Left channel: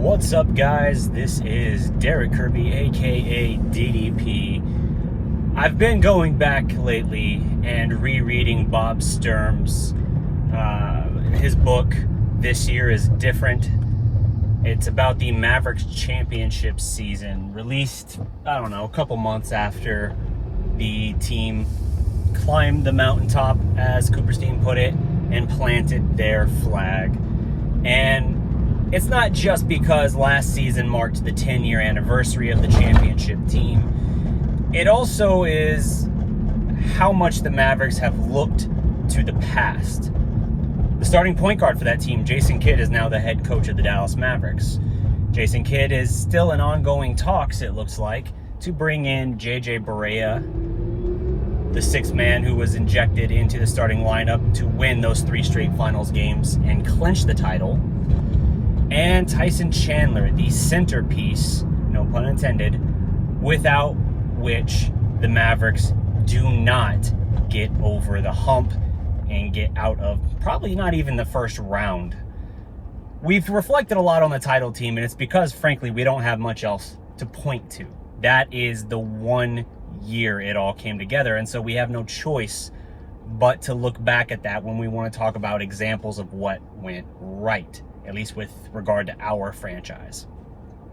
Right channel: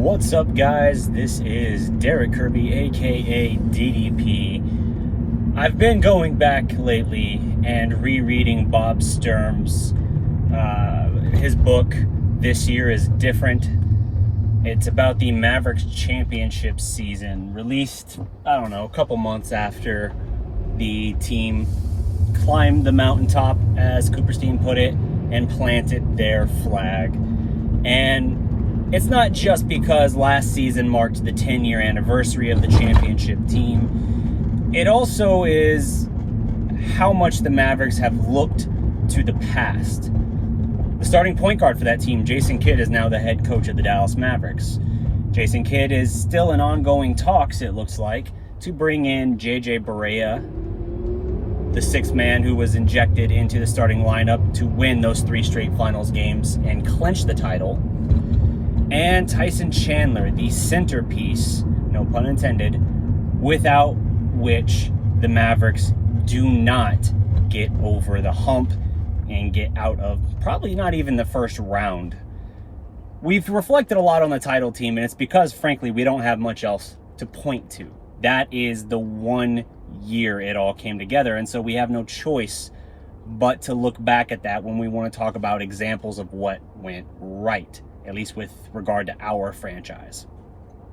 What's up, guys? This is Derek Kirby, aka DDP. I've been going back lately and rereading Bob Sturm's his book. This Year is Different. It's about the Mavericks championship season, released, a couple months after the team climbed the mountaintop, as Cooperstein put it, and planted their flag. And it's not just because last season marked the 10-year anniversary of the championship team. It also is how much the Mavericks have looked to the past. The starting point guard for that team, Jason Kidd, is now the head coach of the Dallas Mavericks. Jason Kidd is still in ongoing talks, it looks like, to bring in JJ Barea, the sixth man who was injected into the starting lineup to win those 3 straight finals games and clinch the title. And Tyson Chandler, the centerpiece, no pun intended, without which the Mavericks do not get over the hump and get out of probably not even the first round. We've reflected a lot on the title team, and it's because, frankly, we don't have much else to point to. That is the one year it all came together, and so we have no choice but to look back at that when we want to talk about examples of what went right, at least with regard to our franchise.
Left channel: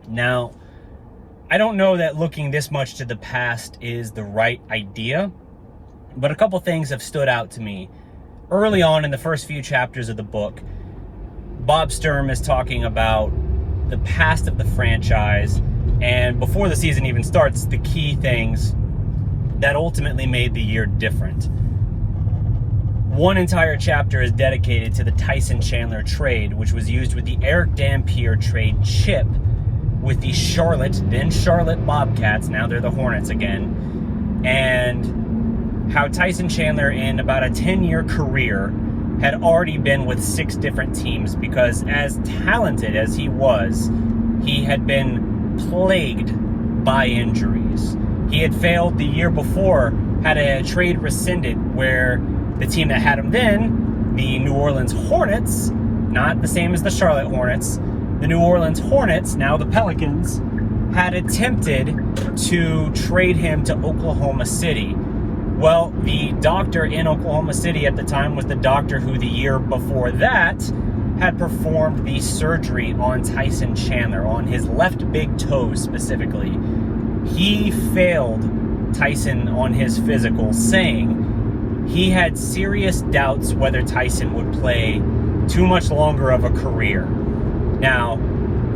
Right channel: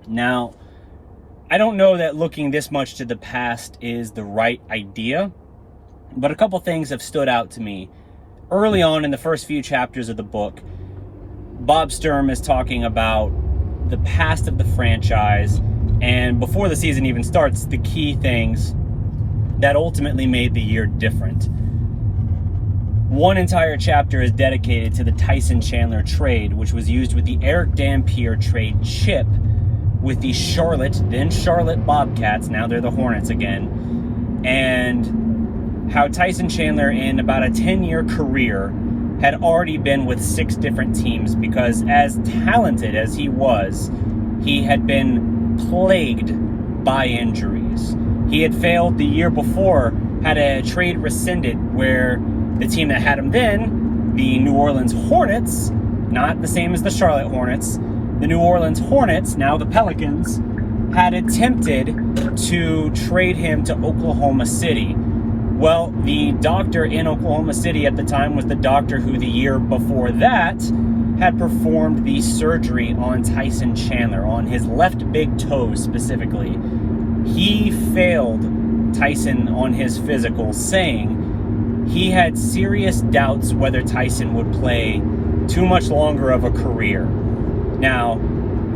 Now, I don't know that looking this much to the past is the right idea, but a couple things have stood out to me. Early on in the first few chapters of the book, Bob Sturm is talking about the past of the franchise, and before the season even starts, the key things that ultimately made the year different. One entire chapter is dedicated to the Tyson Chandler trade, which was used with the Eric Dampier trade chip with the then Charlotte Bobcats, now they're the Hornets again, and how Tyson Chandler, in about a 10-year career, had already been with 6 different teams because, as talented as he was, he had been plagued by injuries. He had failed the year before, had a trade rescinded where the team that had him then, the New Orleans Hornets, not the same as the Charlotte Hornets, the New Orleans Hornets, now the Pelicans, had attempted to trade him to Oklahoma City. Well, the doctor in Oklahoma City at the time was the doctor who the year before that had performed the surgery on Tyson Chandler, on his left big toe specifically. He failed Tyson on his physical, saying he had serious doubts whether Tyson would play too much longer of a career. Now,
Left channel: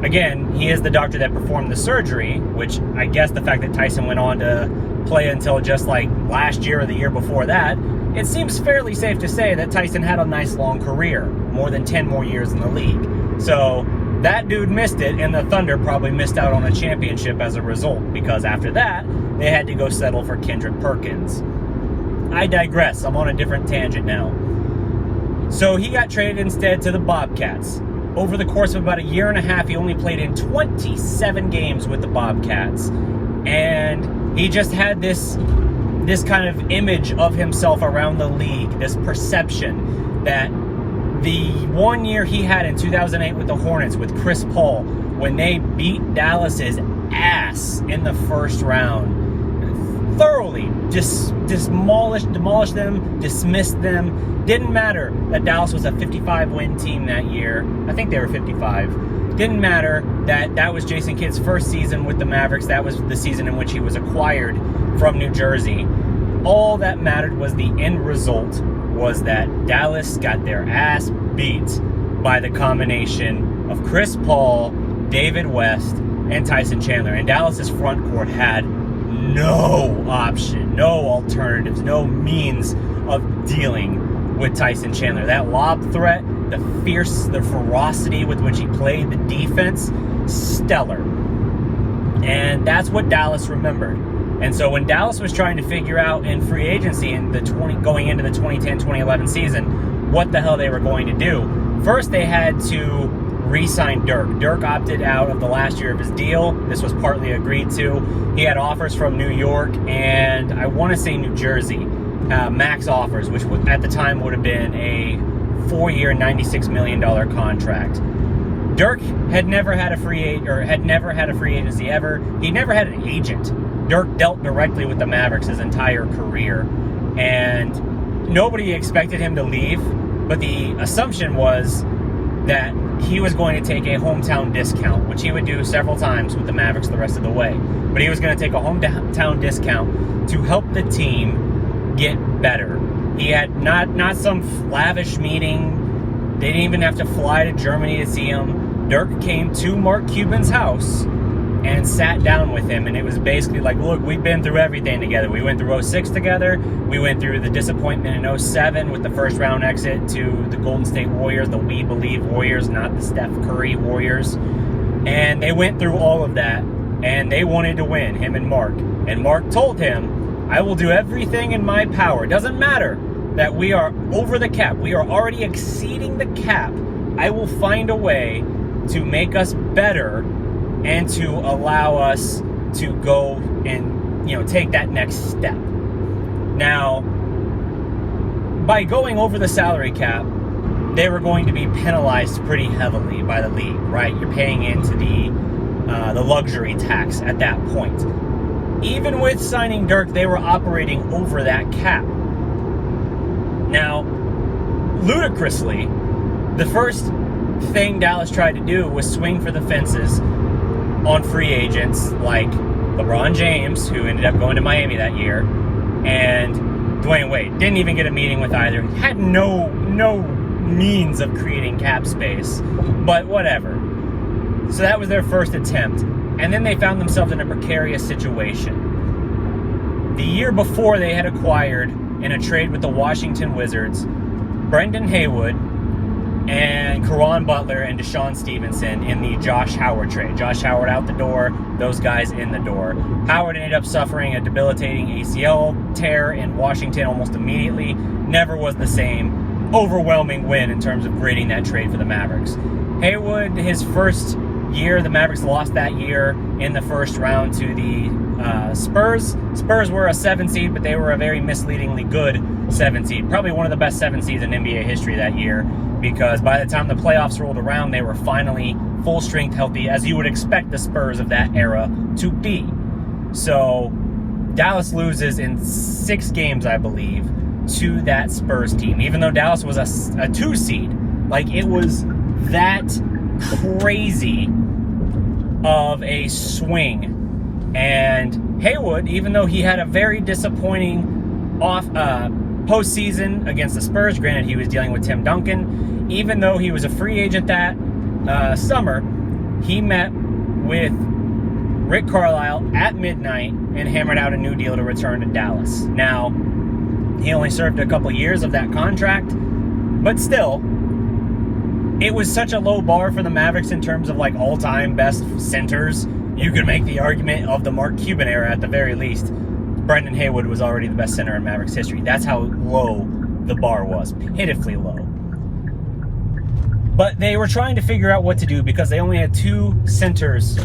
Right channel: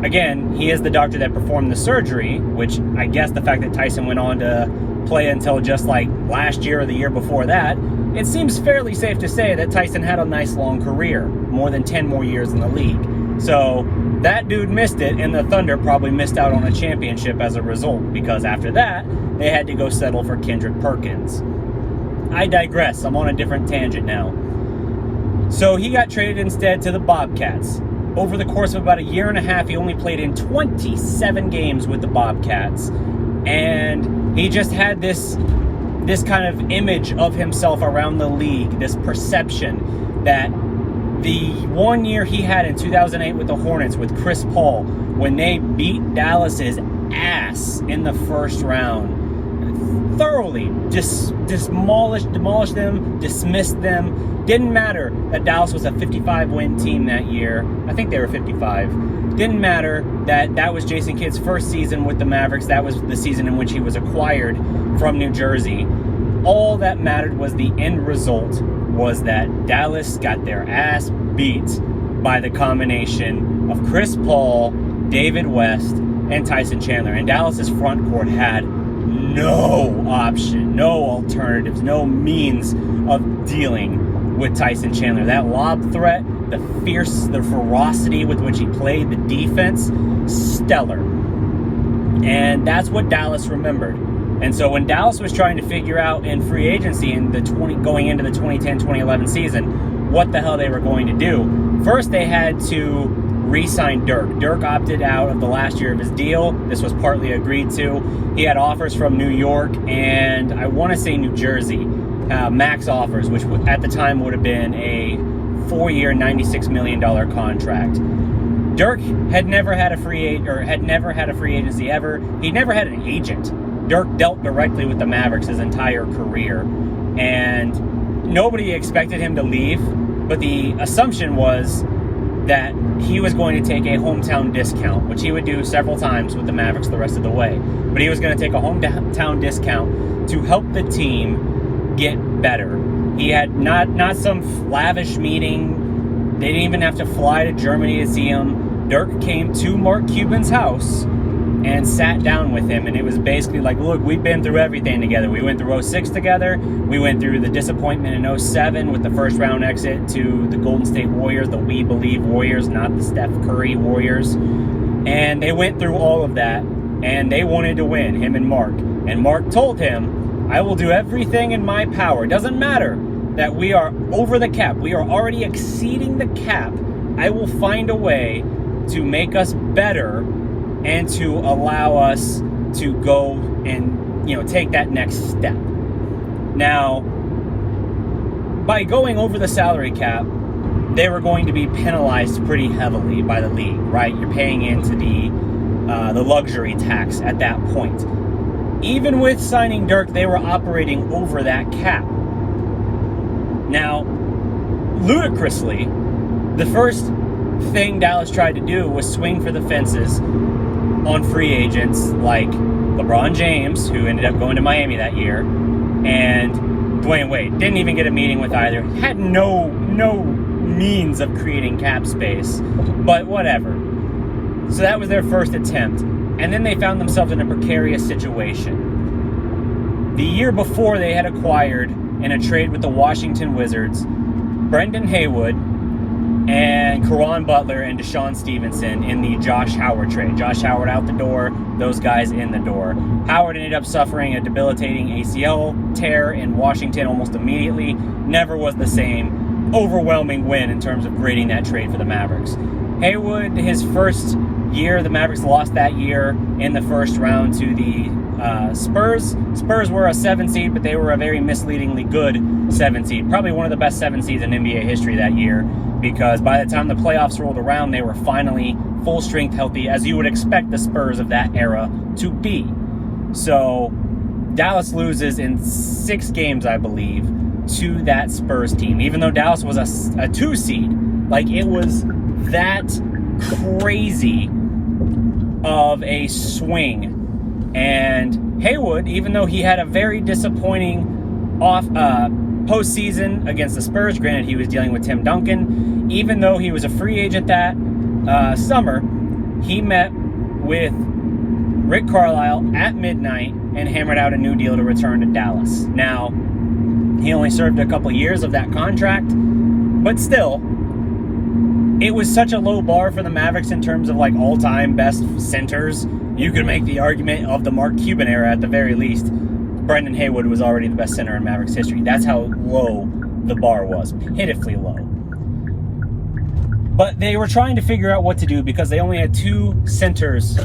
again, he is the doctor that performed the surgery, which I guess the fact that Tyson went on to play until just like last year or the year before that, it seems fairly safe to say that Tyson had a nice long career, more than 10 more years in the league. So that dude missed it, and the Thunder probably missed out on a championship as a result, because after that, they had to go settle for Kendrick Perkins. I digress. I'm on a different tangent now. So he got traded instead to the Bobcats. Over the course of about a year and a half, he only played in 27 games with the Bobcats. And he just had this kind of image of himself around the league, this perception that the one year he had in 2008 with the Hornets with Chris Paul, when they beat Dallas's ass in the first round, thoroughly demolished them, dismissed them. Didn't matter that Dallas was a 55-win team that year. I think they were 55. Didn't matter that that was Jason Kidd's first season with the Mavericks. That was the season in which he was acquired from New Jersey. All that mattered was the end result was that Dallas got their ass beat by the combination of Chris Paul, David West, and Tyson Chandler. And Dallas's front court had no option, no alternatives, no means of dealing with Tyson Chandler. That lob threat, the ferocity with which he played, the defense, stellar. And that's what Dallas remembered. And so when Dallas was trying to figure out in free agency in going into the 2010-2011 season what the hell they were going to do, first they had to re-sign Dirk. Dirk opted out of the last year of his deal. This was partly agreed to. He had offers from New York and I want to say New Jersey, max offers, which at the time would have been a 4-year, $96 million contract. Dirk had never had a free agency ever. He never had an agent. Dirk dealt directly with the Mavericks his entire career, and nobody expected him to leave, but the assumption was that he was going to take a hometown discount, which he would do several times with the Mavericks the rest of the way. But he was going to take a hometown discount to help the team get better. He had not some lavish meeting. They didn't even have to fly to Germany to see him. Dirk came to Mark Cuban's house and sat down with him, and it was basically like, look, we've been through everything together. We went through 06 together. We went through the disappointment in 07 with the first round exit to the Golden State Warriors, the We Believe Warriors, not the Steph Curry Warriors. And they went through all of that, and they wanted to win, him and Mark. And Mark told him, I will do everything in my power. It doesn't matter that we are over the cap. We are already exceeding the cap. I will find a way to make us better and to allow us to go and, take that next step. Now, by going over the salary cap, they were going to be penalized pretty heavily by the league, right? You're paying into the luxury tax at that point. Even with signing Dirk, they were operating over that cap. Now, ludicrously, the first thing Dallas tried to do was swing for the fences on free agents like LeBron James, who ended up going to Miami that year, and Dwayne Wade. Didn't even get a meeting with either. Had no means of creating cap space, but whatever. So that was their first attempt. And then they found themselves in a precarious situation. The year before, they had acquired, in a trade with the Washington Wizards, Brendan Haywood and Caron Butler and Deshaun Stevenson in the Josh Howard trade. Josh Howard out the door, those guys in the door. Howard ended up suffering a debilitating ACL tear in Washington almost immediately. Never was the same. Overwhelming win in terms of grading that trade for the Mavericks. Haywood, his first year, the Mavericks lost that year in the first round to the Spurs. Spurs were a 7 seed, but they were a very misleadingly good 7 seed. Probably one of the best 7 seeds in NBA history that year, because by the time the playoffs rolled around, they were finally full strength healthy, as you would expect the Spurs of that era to be. So Dallas loses in 6 games, I believe, to that Spurs team, even though Dallas was a 2 seed. Like, it was that crazy of a swing. And Haywood, even though he had a very disappointing postseason against the Spurs, granted he was dealing with Tim Duncan, even though he was a free agent that summer, he met with Rick Carlisle at midnight and hammered out a new deal to return to Dallas. Now, he only served a couple years of that contract, but still, it was such a low bar for the Mavericks in terms of like all-time best centers. You could make the argument of the Mark Cuban era at the very least. Brendan Haywood was already the best center in Mavericks history. That's how low the bar was, pitifully low. But they were trying to figure out what to do because they only had 2 centers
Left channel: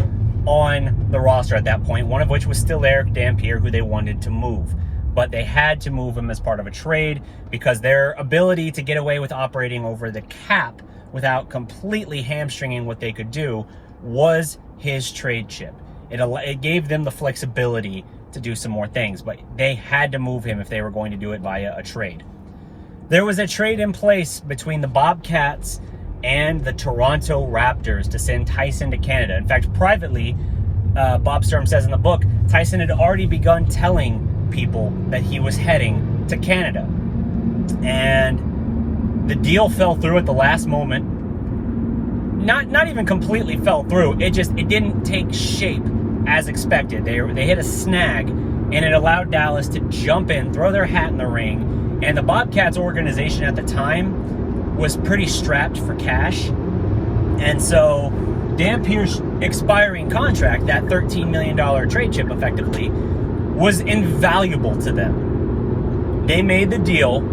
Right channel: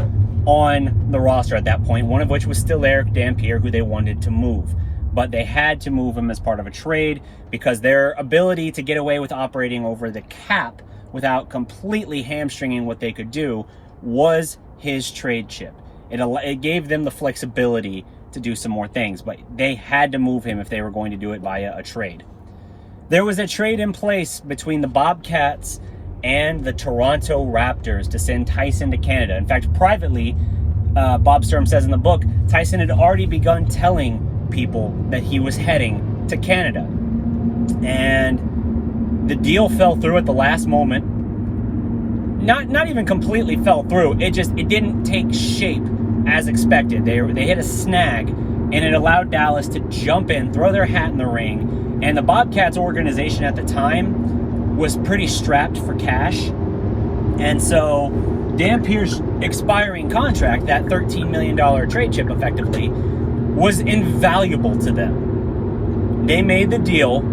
on the roster at that point, one of which was still Eric Dampier, who they wanted to move. But they had to move him as part of a trade because their ability to get away with operating over the cap without completely hamstringing what they could do was his trade chip. It gave them the flexibility to do some more things, but they had to move him if they were going to do it via a trade. There was a trade in place between the Bobcats and the Toronto Raptors to send Tyson to Canada. In fact, privately, Bob Sturm says in the book, Tyson had already begun telling people that he was heading to Canada. And the deal fell through at the last moment. Not even completely fell through. It didn't take shape as expected. They hit a snag, and it allowed Dallas to jump in, throw their hat in the ring. And the Bobcats organization at the time was pretty strapped for cash. And so Dampier's expiring contract, that $13 million trade chip effectively, was invaluable to them. They made the deal,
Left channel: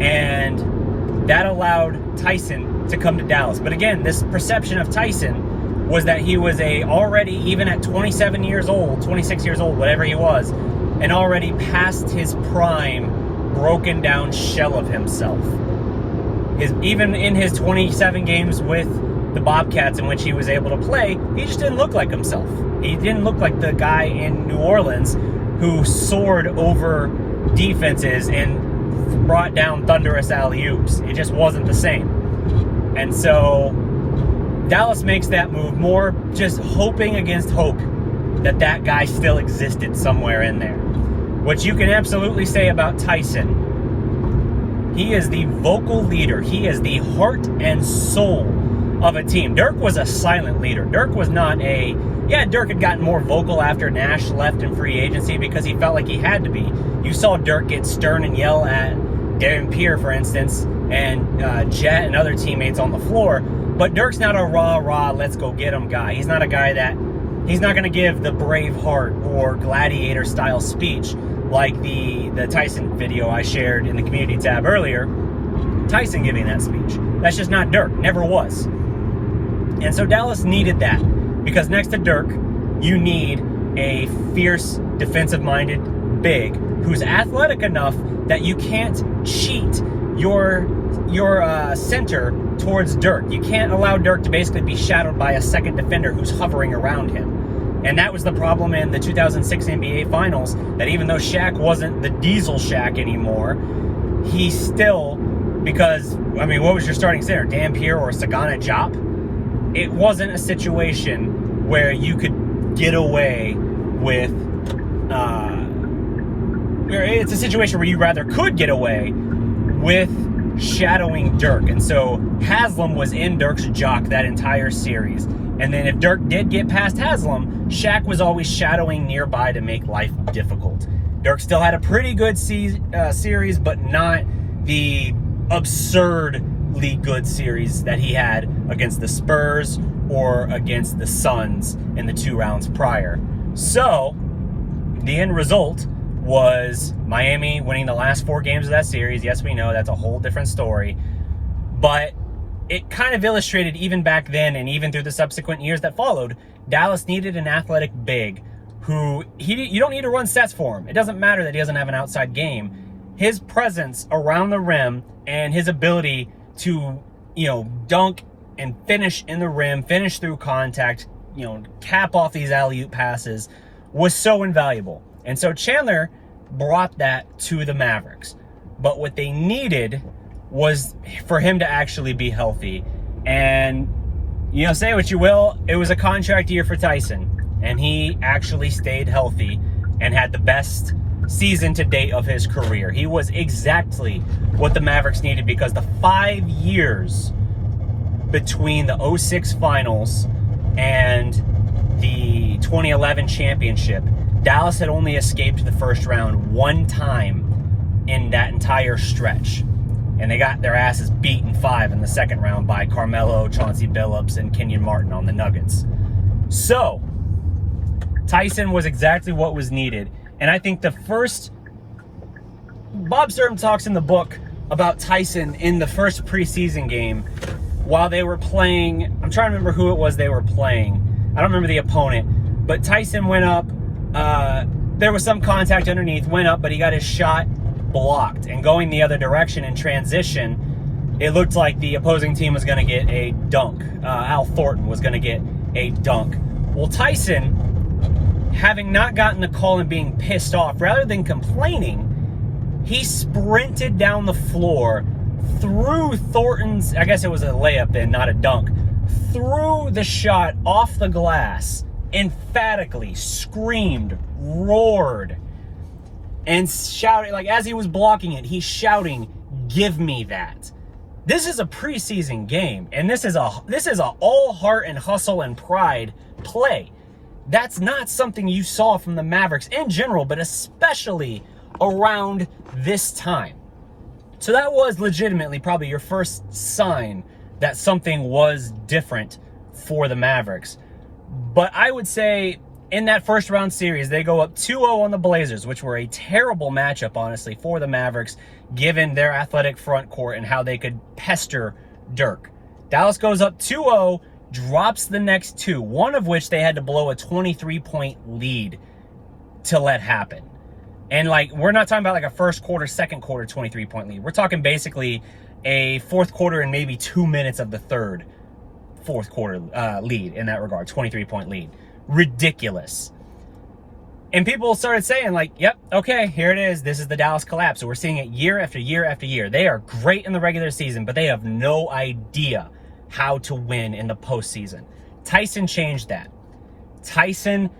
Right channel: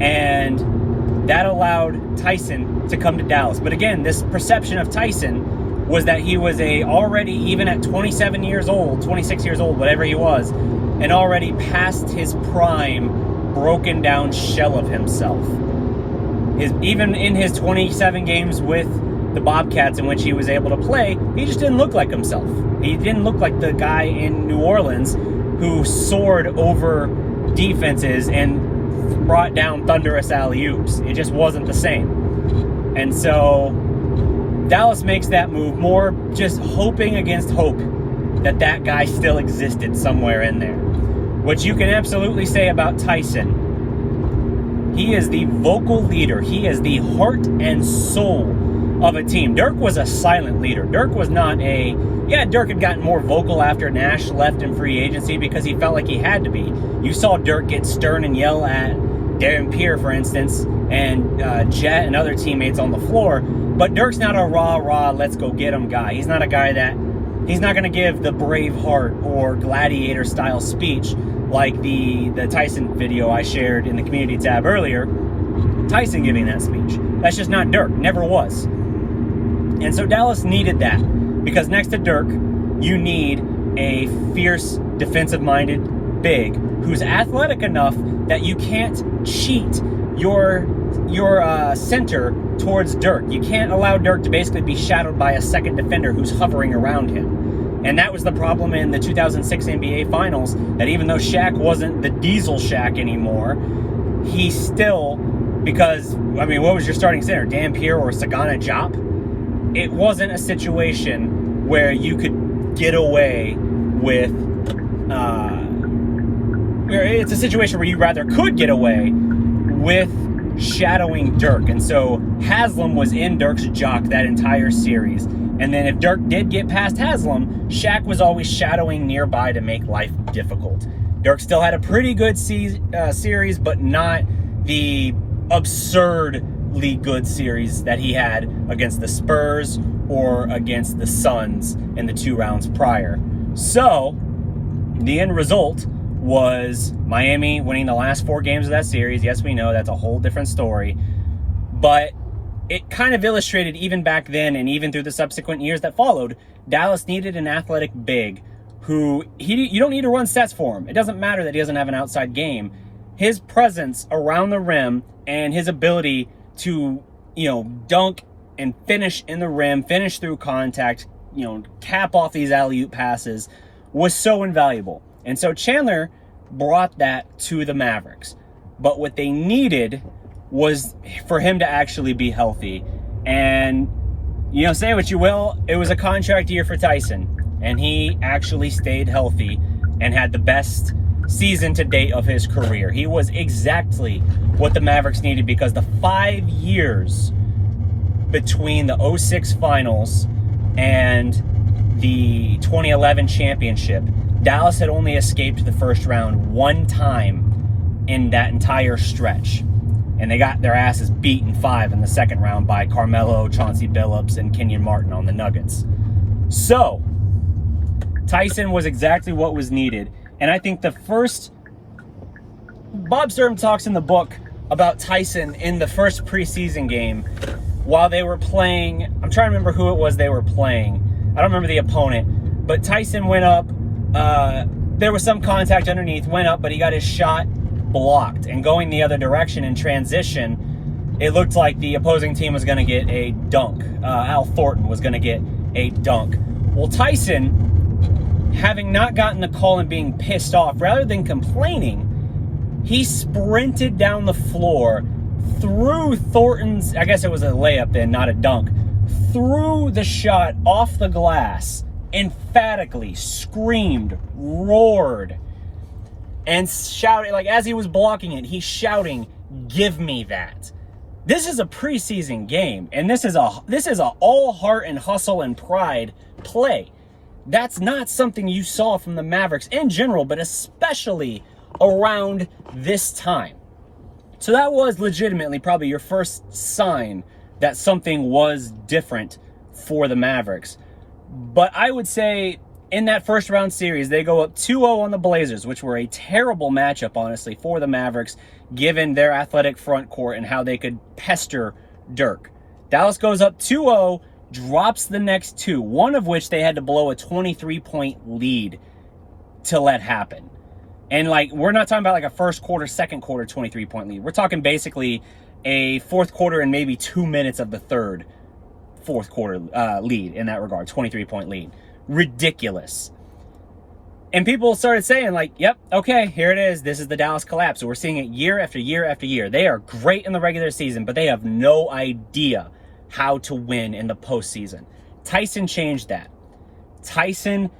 and that allowed Tyson to come to Dallas. But again, this perception of Tyson was that he was already, even at 27 years old, 26 years old, whatever he was, and already past his prime, broken down shell of himself. Even in his 27 games with the Bobcats in which he was able to play, he just didn't look like himself. He didn't look like the guy in New Orleans who soared over defenses and brought down thunderous alley-oops. It just wasn't the same. And so Dallas makes that move, more just hoping against hope that that guy still existed somewhere in there. What you can absolutely say about Tyson, he is the vocal leader. He is the heart and soul of a team. Dirk was a silent leader. Dirk was not a... Yeah, Dirk had gotten more vocal after Nash left in free agency because he felt like he had to be. You saw Dirk get stern and yell at Darren Pierre, for instance, and Jet and other teammates on the floor. But Dirk's not a rah, let's go get him guy. He's not a guy that... He's not going to give the Braveheart or Gladiator-style speech like the Tyson video I shared in the community tab earlier. Tyson giving that speech. That's just not Dirk. Never was. And so Dallas needed that. Because next to Dirk, you need a fierce, defensive-minded big who's athletic enough that you can't cheat your center towards Dirk. You can't allow Dirk to basically be shadowed by a second defender who's hovering around him. And that was the problem in the 2006 NBA Finals, that even though Shaq wasn't the diesel Shaq anymore, he still, because, I mean, what was your starting center? Dan Pierre or Sagana Diop? It wasn't a situation where you could get away with, it's a situation where you rather could get away with shadowing Dirk. And so Haslam was in Dirk's jock that entire series. And then if Dirk did get past Haslam, Shaq was always shadowing nearby to make life difficult. Dirk still had a pretty good series, but not the absurdly good series that he had against the Spurs or against the Suns in the 2 rounds prior. So the end result was Miami winning the last 4 games of that series. Yes, we know that's a whole different story, but it kind of illustrated, even back then and even through the subsequent years that followed, Dallas needed an athletic big who, you don't need to run sets for him. It doesn't matter that he doesn't have an outside game. His presence around the rim and his ability to, dunk and finish in the rim, finish through contact, cap off these alley-oop passes was so invaluable. And so Chandler brought that to the Mavericks. But what they needed was for him to actually be healthy. And, say what you will, it was a contract year for Tyson. And he actually stayed healthy and had the best season to date of his career. He was exactly what the Mavericks needed, because the 5 years between the 2006 finals and the 2011 championship, Dallas had only escaped the first round 1 time in that entire stretch. And they got their asses beat in 5 in the second round by Carmelo, Chauncey Billups, and Kenyon Martin on the Nuggets. So, Tyson was exactly what was needed. And I think the first... Bob Sturm talks in the book about Tyson in the first preseason game while they were playing... I'm trying to remember who it was they were playing. I don't remember the opponent. But Tyson went up... there was some contact underneath, went up, but he got his shot blocked. And going the other direction in transition, it looked like the opposing team was going to get a dunk. Al Thornton was going to get a dunk. Well, Tyson, having not gotten the call and being pissed off, rather than complaining, he sprinted down the floor, threw Thornton's, I guess it was a layup then, not a dunk, threw the shot off the glass, emphatically screamed, roared, and shouted, like as he was blocking it, he's shouting, "Give me that." This is a preseason game, and this is a all heart and hustle and pride play. That's not something you saw from the Mavericks in general, but especially around this time. So that was legitimately probably your first sign that something was different for the Mavericks. But I would say in that first round series, they go up 2-0 on the Blazers, which were a terrible matchup, honestly, for the Mavericks, given their athletic front court and how they could pester Dirk. Dallas goes up 2-0, drops the next 2, one of which they had to blow a 23-point lead to let happen. And, we're not talking about, a first quarter, second quarter 23-point lead. We're talking basically a fourth quarter and maybe 2 minutes of the third fourth quarter lead in that regard, 23-point lead. Ridiculous. And people started saying, like, yep, okay, here it is. This is the Dallas collapse. So we're seeing it year after year after year. They are great in the regular season, but they have no idea how to win in the postseason. Tyson changed that. Tyson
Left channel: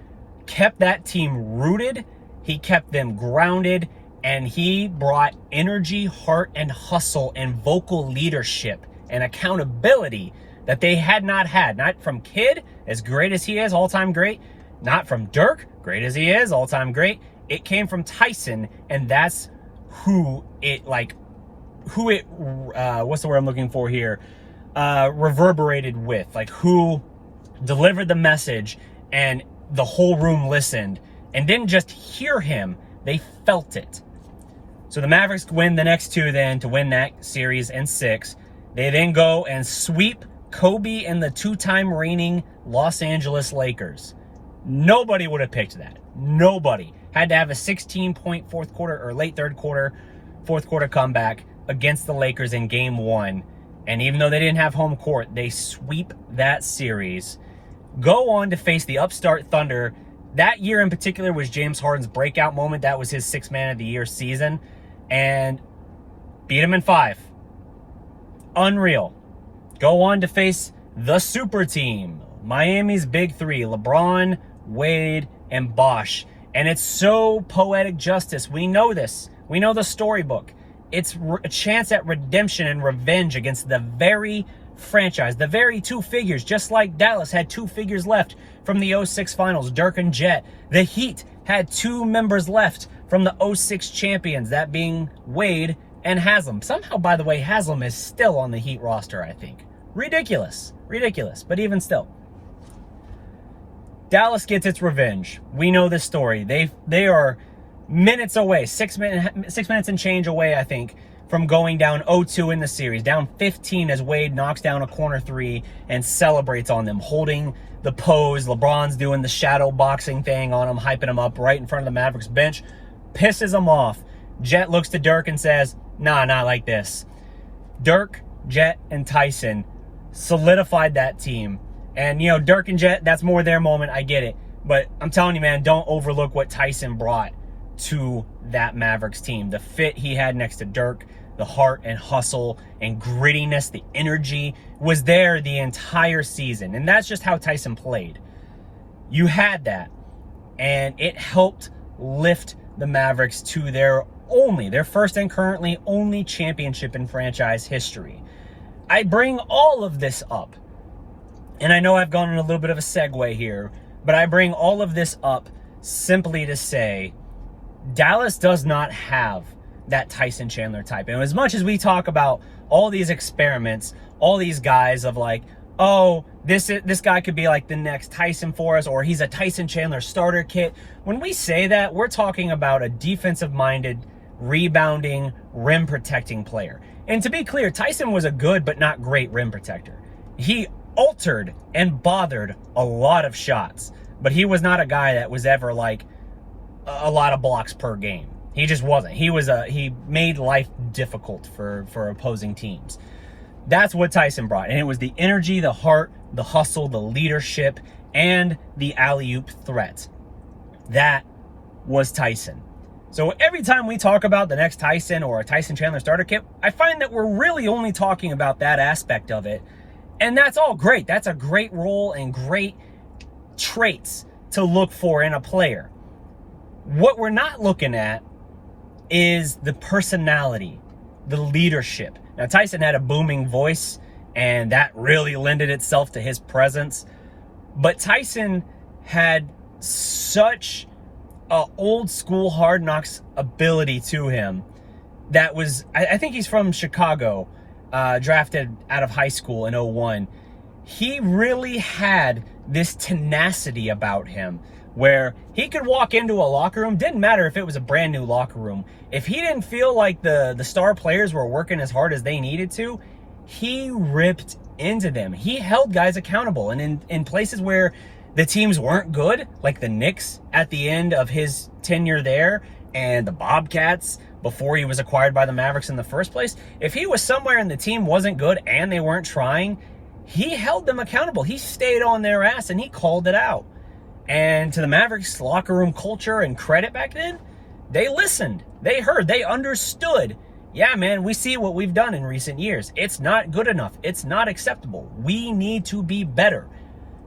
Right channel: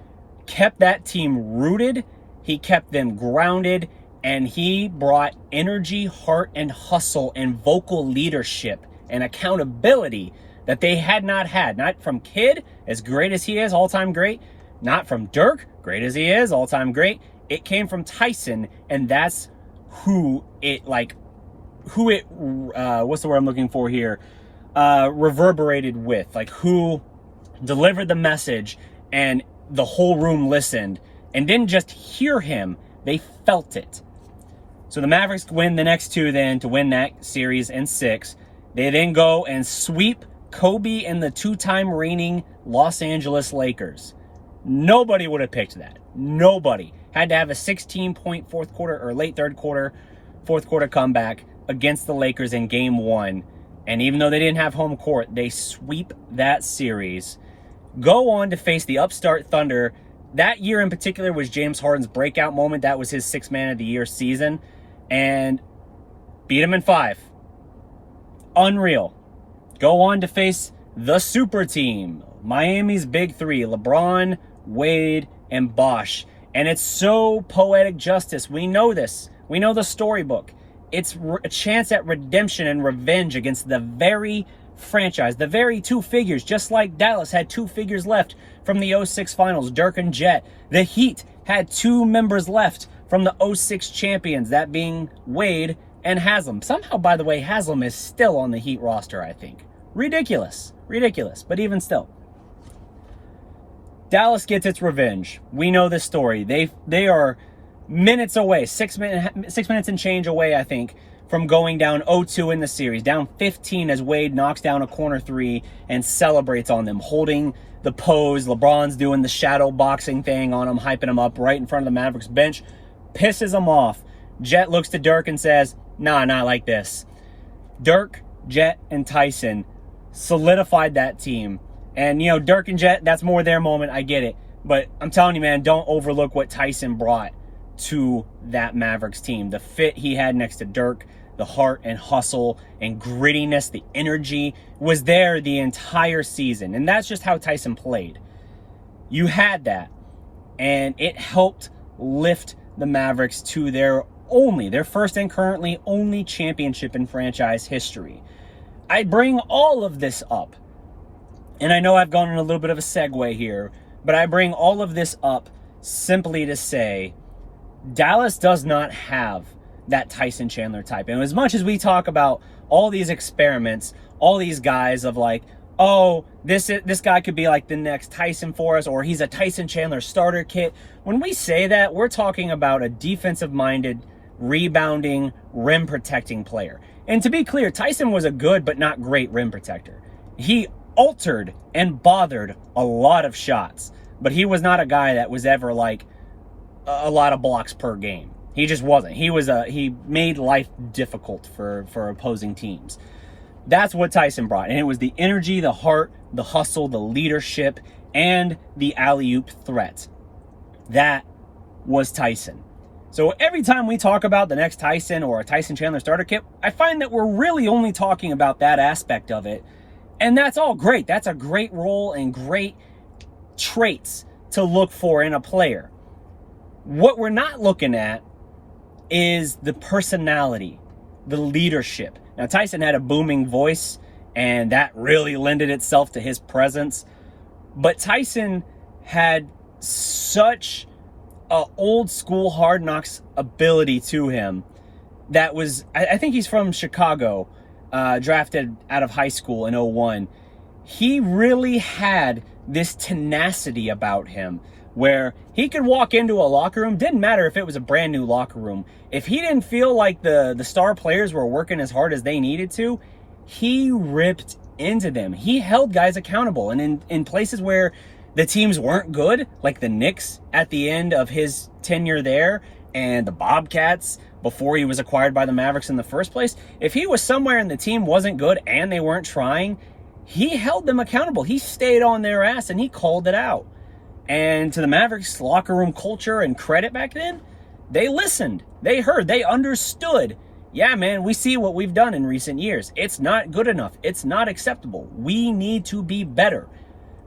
kept that team rooted. He kept them grounded. And he brought energy, heart, and hustle and vocal leadership and accountability that they had not had. Not from Kidd, as great as he is, all-time great. Not from Dirk, great as he is, all-time great. It came from Tyson, and that's what's the word I'm looking for here? Reverberated with, like who delivered the message and the whole room listened and didn't just hear him, they felt it. So the Mavericks win the next two then to win that series in 6. They then go and sweep Kobe and the two-time reigning Los Angeles Lakers. Nobody would have picked that. Nobody. Had to have a 16-point fourth quarter or late fourth quarter comeback against the Lakers in game 1. And even though they didn't have home court, they sweep that series. Go on to face the upstart Thunder. That year in particular was James Harden's breakout moment. That was his 6th Man of the Year season. And beat him in 5. Unreal. Go on to face the super team. Miami's big 3. LeBron, Wade, and Bosh. And it's so poetic justice. We know this. We know the storybook. It's a chance at redemption and revenge against the very franchise, the very 2 figures, just like Dallas had 2 figures left from the 06 finals, Dirk and Jet. The Heat had 2 members left from the 06 champions, that being Wade and Haslam. Somehow, by the way, Haslam is still on the Heat roster, I think. Ridiculous. Ridiculous. But even still. Dallas gets its revenge. We know this story. They are minutes away, 6 minutes and change away, I think, from going down 0-2 in the series. Down 15 as Wade knocks down a corner 3 and celebrates on them, holding the pose. LeBron's doing the shadow boxing thing on him, hyping him up right in front of the Mavericks bench. Pisses him off. Jet looks to Dirk and says, nah, not like this. Dirk, Jet, and Tyson solidified that team. And, Dirk and Jet, that's more their moment. I get it. But I'm telling you, man, don't overlook what Tyson brought to that Mavericks team. The fit he had next to Dirk, the heart and hustle and grittiness, the energy was there the entire season. And that's just how Tyson played. You had that. And it helped lift the Mavericks to their first and currently only championship in franchise history. I bring all of this up, and I know I've gone on a little bit of a segue here, but I bring all of this up simply to say Dallas does not have that Tyson Chandler type. And as much as we talk about all these experiments, all these guys of like, oh, this guy could be like the next Tyson for us, or he's a Tyson Chandler starter kit. When we say that, we're talking about a defensive-minded, rebounding, rim-protecting player. And to be clear, Tyson was a good but not great rim protector. He altered and bothered a lot of shots, but he was not a guy that was ever like a lot of blocks per game. He just wasn't. He made life difficult for opposing teams. That's what Tyson brought. And it was the energy, the heart, the hustle, the leadership, and the alley-oop threat. That was Tyson. So every time we talk about the next Tyson or a Tyson Chandler starter kit, I find that we're really only talking about that aspect of it. And that's all great. That's a great role and great traits to look for in a player. What we're not looking at is the personality, the leadership. Now, Tyson had a booming voice, and that really lended itself to his presence. But Tyson had such a old school Hard Knocks ability to him that was, I think he's from Chicago, drafted out of high school in 01. He really had this tenacity about him where he could walk into a locker room, didn't matter if it was a brand new locker room. If he didn't feel like the star players were working as hard as they needed to, he ripped into them. He held guys accountable. And in places where the teams weren't good, like the Knicks at the end of his tenure there, and the Bobcats before he was acquired by the Mavericks in the first place, if he was somewhere and the team wasn't good and they weren't trying, he held them accountable. He stayed on their ass and he called it out. And to the Mavericks locker room culture and credit back then, they listened, they heard, they understood. Yeah, man, we see what we've done in recent years. It's not good enough. It's not acceptable. We need to be better.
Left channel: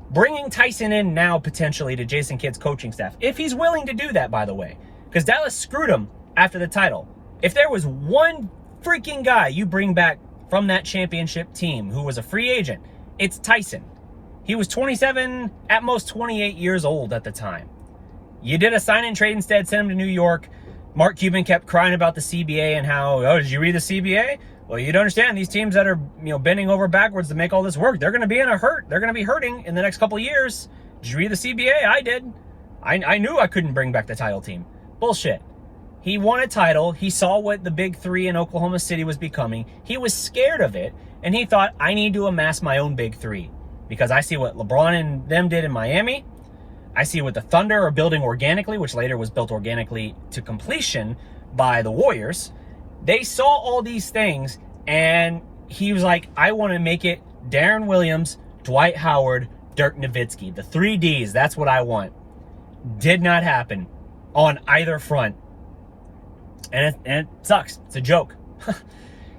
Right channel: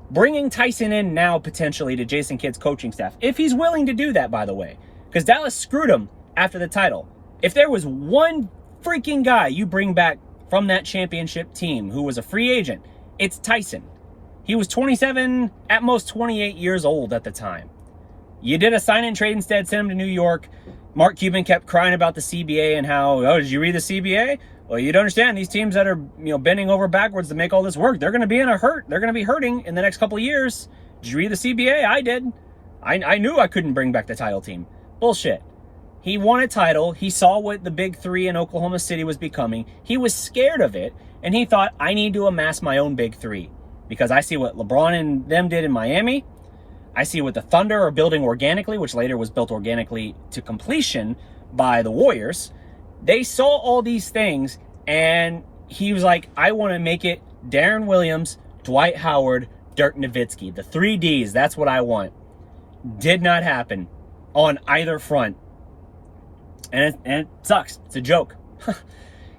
Bringing Tyson in now potentially to Jason Kidd's coaching staff, if he's willing to do that, by the way, because Dallas screwed him after the title. If there was one freaking guy you bring back from that championship team who was a free agent, it's Tyson. He was 27, at most 28 years old at the time. You did a sign and trade instead, sent him to New York. Mark Cuban kept crying about the CBA and how, oh, did you read the CBA? Well, you'd understand these teams that are, bending over backwards to make all this work, they're going to be in a hurt. They're going to be hurting in the next couple of years. Did you read the CBA? I did. I knew I couldn't bring back the title team. Bullshit. He won a title. He saw what the big three in Oklahoma City was becoming. He was scared of it, and he thought, I need to amass my own big three. Because I see what LeBron and them did in Miami. I see what the Thunder are building organically, which later was built organically to completion by the Warriors. They saw all these things, and he was like, I want to make it Darren Williams, Dwight Howard, Dirk Nowitzki. The 3 Ds, that's what I want. Did not happen on either front. And it sucks. It's a joke.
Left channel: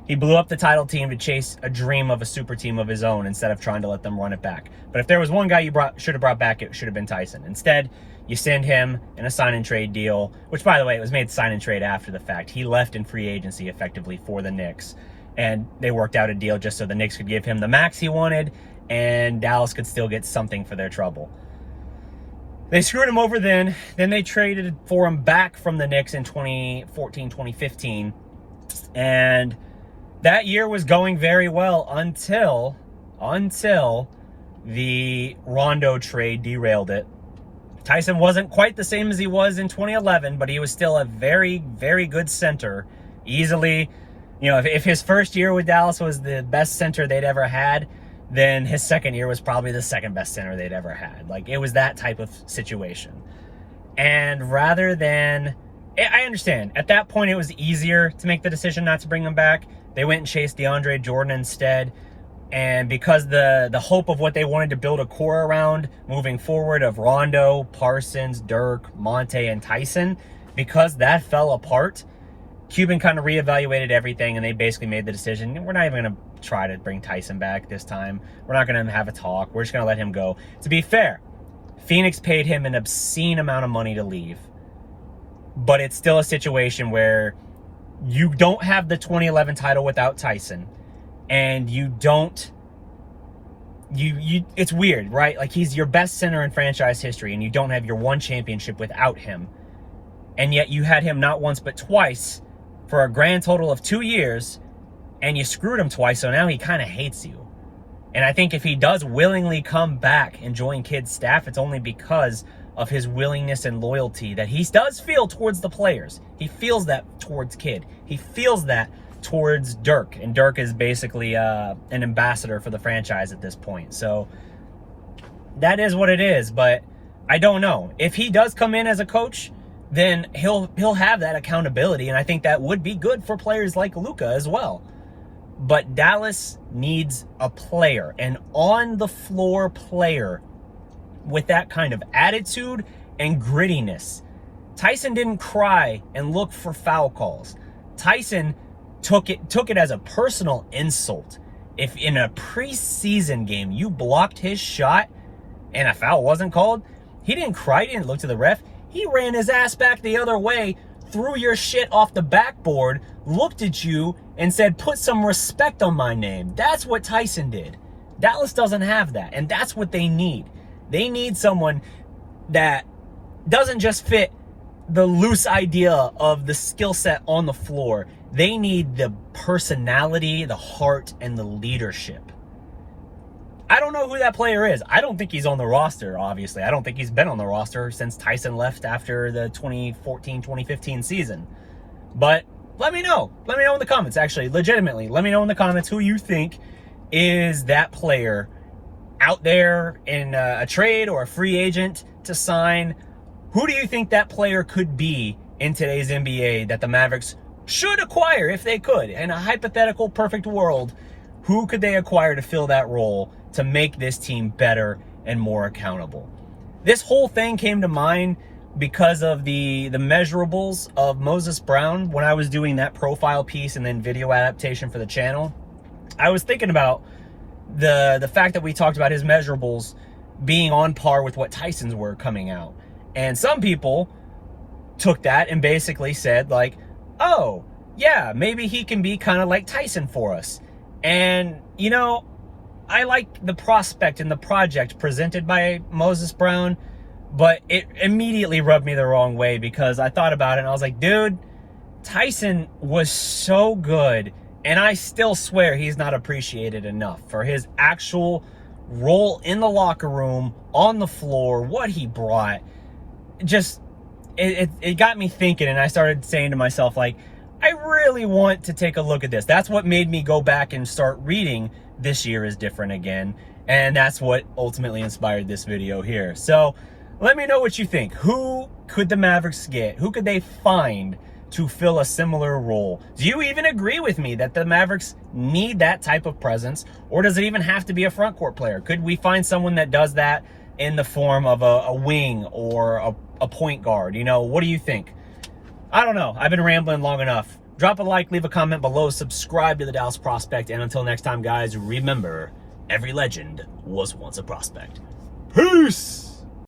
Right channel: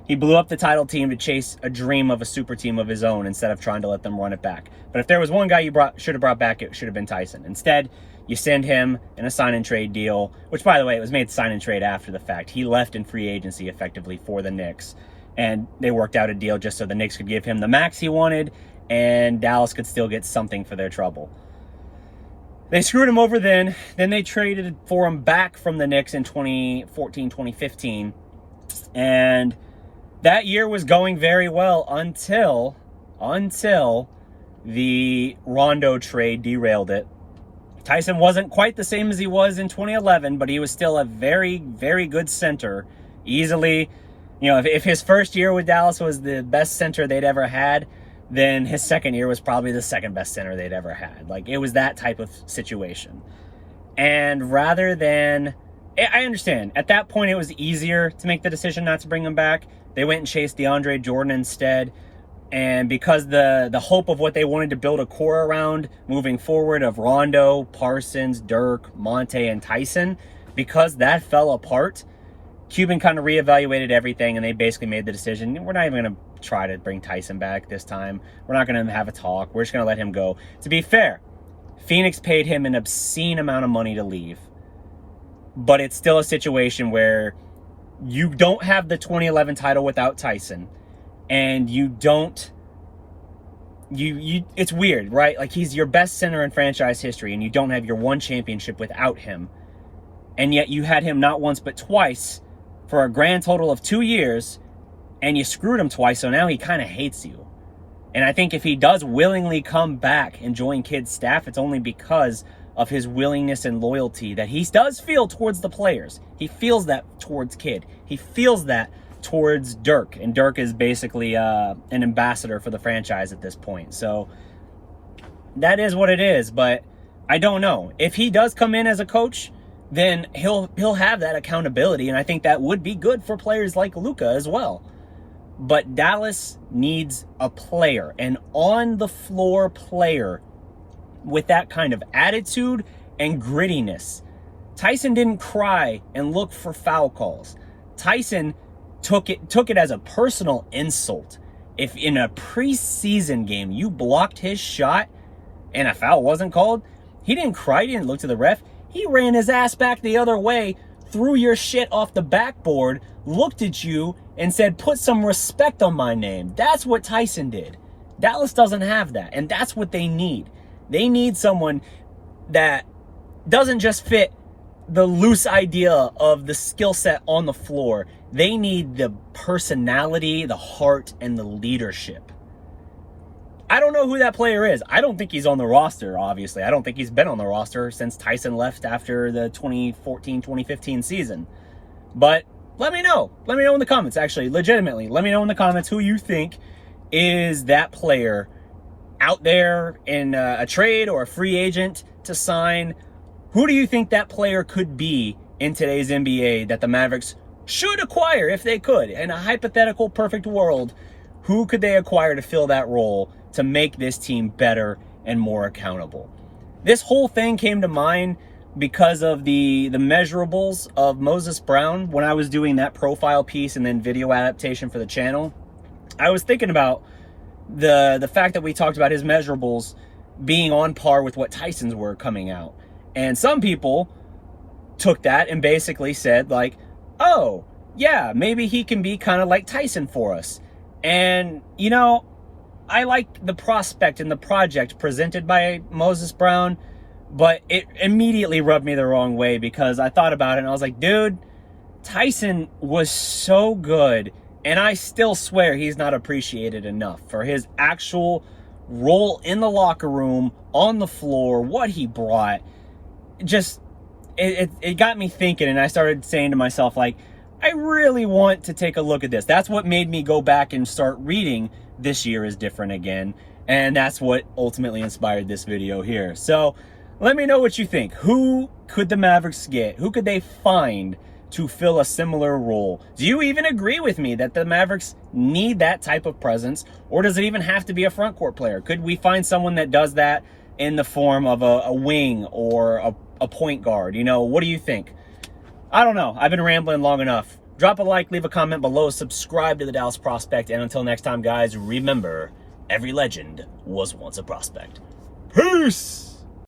He blew up the title team to chase a dream of a super team of his own instead of trying to let them run it back. But if there was one guy you should have brought back, it should have been Tyson. Instead, you send him in a sign and trade deal, which, by the way, it was made sign and trade after the fact. He left in free agency effectively for the Knicks, and they worked out a deal just so the Knicks could give him the max he wanted, and Dallas could still get something for their trouble. They screwed him over then. Then they traded for him back from the Knicks in 2014, 2015, and that year was going very well until the Rondo trade derailed it. Tyson wasn't quite the same as he was in 2011, but he was still a very, very good center. Easily, if his first year with Dallas was the best center they'd ever had, then his second year was probably the second best center they'd ever had. Like, it was that type of situation. And rather than, I understand, at that point it was easier to make the decision not to bring him back. They went and chased DeAndre Jordan instead. And because the hope of what they wanted to build a core around moving forward of Rondo, Parsons, Dirk, Monte, and Tyson, because that fell apart, Cuban kind of reevaluated everything, and they basically made the decision, we're not even going to try to bring Tyson back this time. We're not going to have a talk. We're just going to let him go. To be fair, Phoenix paid him an obscene amount of money to leave. But it's still a situation where you don't have the 2011 title without Tyson, and you don't, it's weird, right? Like, he's your best center in franchise history, and you don't have your one championship without him. And yet you had him not once but twice for a grand total of 2 years, and you screwed him twice, so now he kind of hates you. And I think if he does willingly come back and join Kidd's staff, it's only because of his willingness and loyalty that he does feel towards the players. He feels that towards Kidd. He feels that towards Dirk. And Dirk is basically an ambassador for the franchise at this point. So that is what it is. But I don't know. If he does come in as a coach, then he'll have that accountability. And I think that would be good for players like Luka as well. But Dallas needs a player, an on-the-floor player with that kind of attitude and grittiness. Tyson didn't cry and look for foul calls. Tyson took it as a personal insult. If in a preseason game you blocked his shot and a foul wasn't called, he didn't cry, he didn't look to the ref. He ran his ass back the other way, threw your shit off the backboard, looked at you, and said, put some respect on my name. That's what Tyson did. Dallas doesn't have that, and that's what they need. They need someone that doesn't just fit the loose idea of the skill set on the floor. They need the personality, the heart, and the leadership. I don't know who that player is. I don't think he's on the roster, obviously. I don't think he's been on the roster since Tyson left after the 2014-2015 season. But let me know. Let me know in the comments, actually, legitimately. Let me know in the comments who you think is that player out there in a trade or a free agent to sign. Who do you think that player could be in today's NBA that the Mavericks should acquire if they could? In a hypothetical perfect world, who could they acquire to fill that role to make this team better and more accountable. This whole thing came to mind because of the measurables of Moses Brown. When I was doing that profile piece and then video adaptation for the channel, I was thinking about the fact that we talked about his measurables being on par with what Tyson's were coming out. And some people took that and basically said, like, oh, yeah, maybe he can be kind of like Tyson for us. And, you know, I like the prospect and the project presented by Moses Brown, but it immediately rubbed me the wrong way because I thought about it and I was like, dude, Tyson was so good, and I still swear he's not appreciated enough for his actual role in the locker room, on the floor, what he brought. Just, it got me thinking, and I started saying to myself, like, I really want to take a look at this. That's what made me go back and start reading This Year Is Different again, and that's what ultimately inspired this video here. So let me know what you think. Who could the Mavericks get? Who could they find to fill a similar role? Do you even agree with me that the Mavericks need that type of presence, or does it even have to be a front court player? Could we find someone that does that in the form of a wing or a point guard? You know, what do you think? I don't know. I've been rambling long enough. Drop a like, leave a comment below, subscribe to the Dallas Prospect, and until next time, guys, remember, every legend was once a prospect. Peace!